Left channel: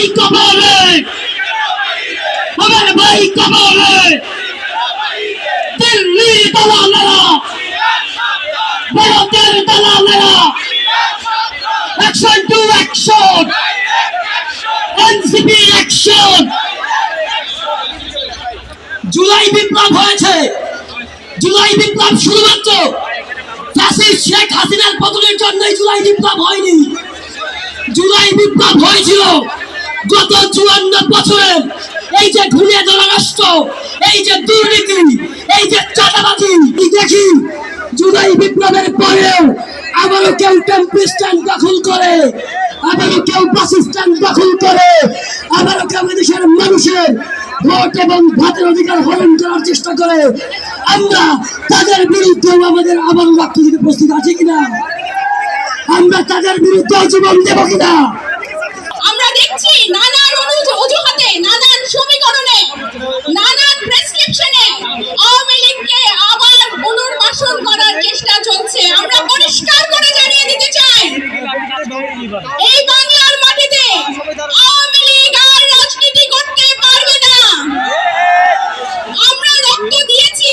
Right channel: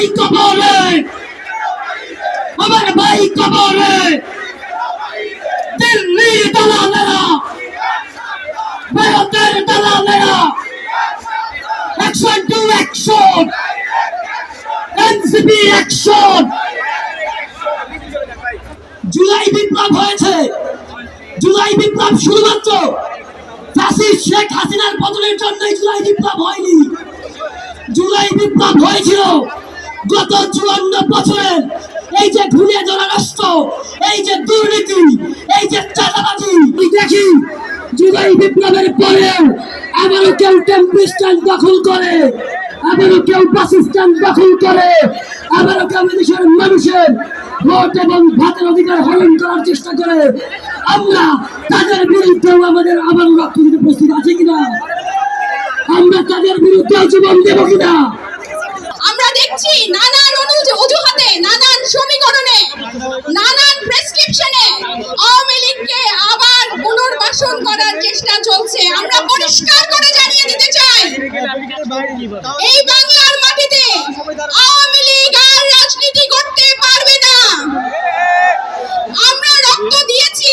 ভাই কবরে আমার ভাই কবরে দিল্লির দালালেরা, ভারতের দালালেরা action to action NCP action July বিপ্লব হয়েছে। জুলাই বিপ্লব শুধুমাত্র ফাঁসির শেখ হাসিনার পতনের জন্যই জুলাই বিপ্লব হয়নি। জুলাই বিপ্লব হয়েছিল। গত চুয়ান্ন বছরের এই যে ঘুরিয়ে ধরা রাষ্ট্র, এই যে দুর্নীতি, এই যে চাঁদাবাজি দেখি জুলাই বিপ্লবের পরেও আবারও কেউ টেম্পি স্ট্যান্ড দখল করে, আবারও কেউ বাস স্ট্যান্ড দখল করে, আবারও কেউ দেশের মানুষের ভোট এবং ভাতের অধিকার হরণ করার চেষ্টা করে। আমরা তাদের বিরুদ্ধেও আমাদের আবার রক্ত দিতে প্রস্তুত আছে কিনা? আমরা তাদের বিরুদ্ধে জীবন দেব কিনা? দেখছি নানান অজুহাতে, নানান সমীকরণে, নানান প্রেসক্রিপশনে আওয়ামী লীগকে আবার পুনর্বাসন করার চেষ্টা চলছে। আমরা পরিষ্কার করে জানিয়ে দিতে চাই, এই বাংলার মাটিতে আওয়ামী লীগ আর রাজনীতি করতে পারবে না আমরা রক্ত দিয়েছি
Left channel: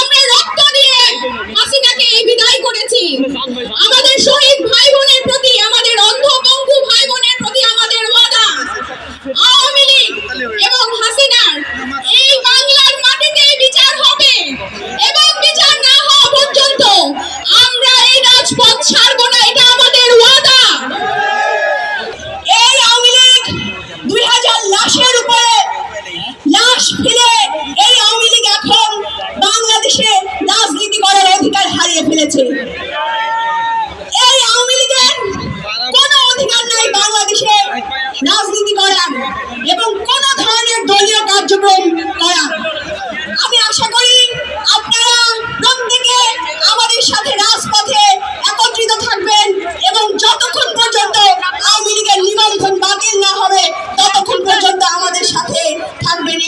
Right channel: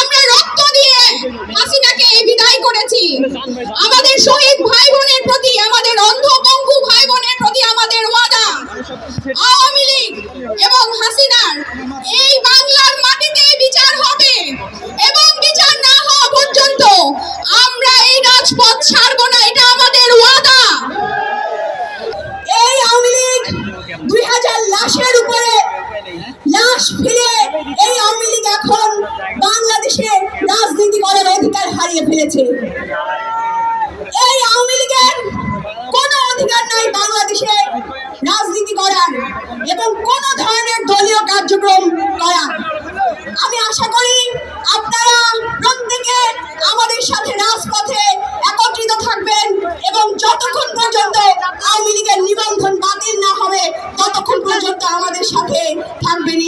আমরা রক্ত দিয়ে হাসিনাকে বিদায় করেছি আমাদের শহীদ ভাই বোনের প্রতি আমাদের অন্ধ পঙ্গু ভাই বোনের প্রতি আমাদের ওয়াদা আওয়ামী লীগ এবং হাসিনার এই বাংলার মাটিতে বিচার হবে এবং বিচার না হওয়া পর্যন্ত আমরা এই রাজপথ ছাড়বো না এটা আমাদের ওয়াদা এই আওয়ামী লীগ দুই হাজার লাশের উপরে, লাশ ফেলে এই আওয়ামী লীগ এখন বাংলাদেশে রাজনীতি করার অধিকার হারিয়ে ফেলেছে। এই আওয়ামী লীগের কোনো অধিকার নাই বাংলাদেশে রাজনীতি করার এবং কোনো ধরনের দলীয় কার্যক্রম করার আমি আশা করি আপনারা প্রত্যেকে আমাদের সাথে রাজপথে একত্রিত থাকবেন এবং যতক্ষণ পর্যন্ত আওয়ামী লীগের নিবন্ধন বাতিল না হবে ততক্ষণ পর্যন্ত আমাদের সাথে থাকবেন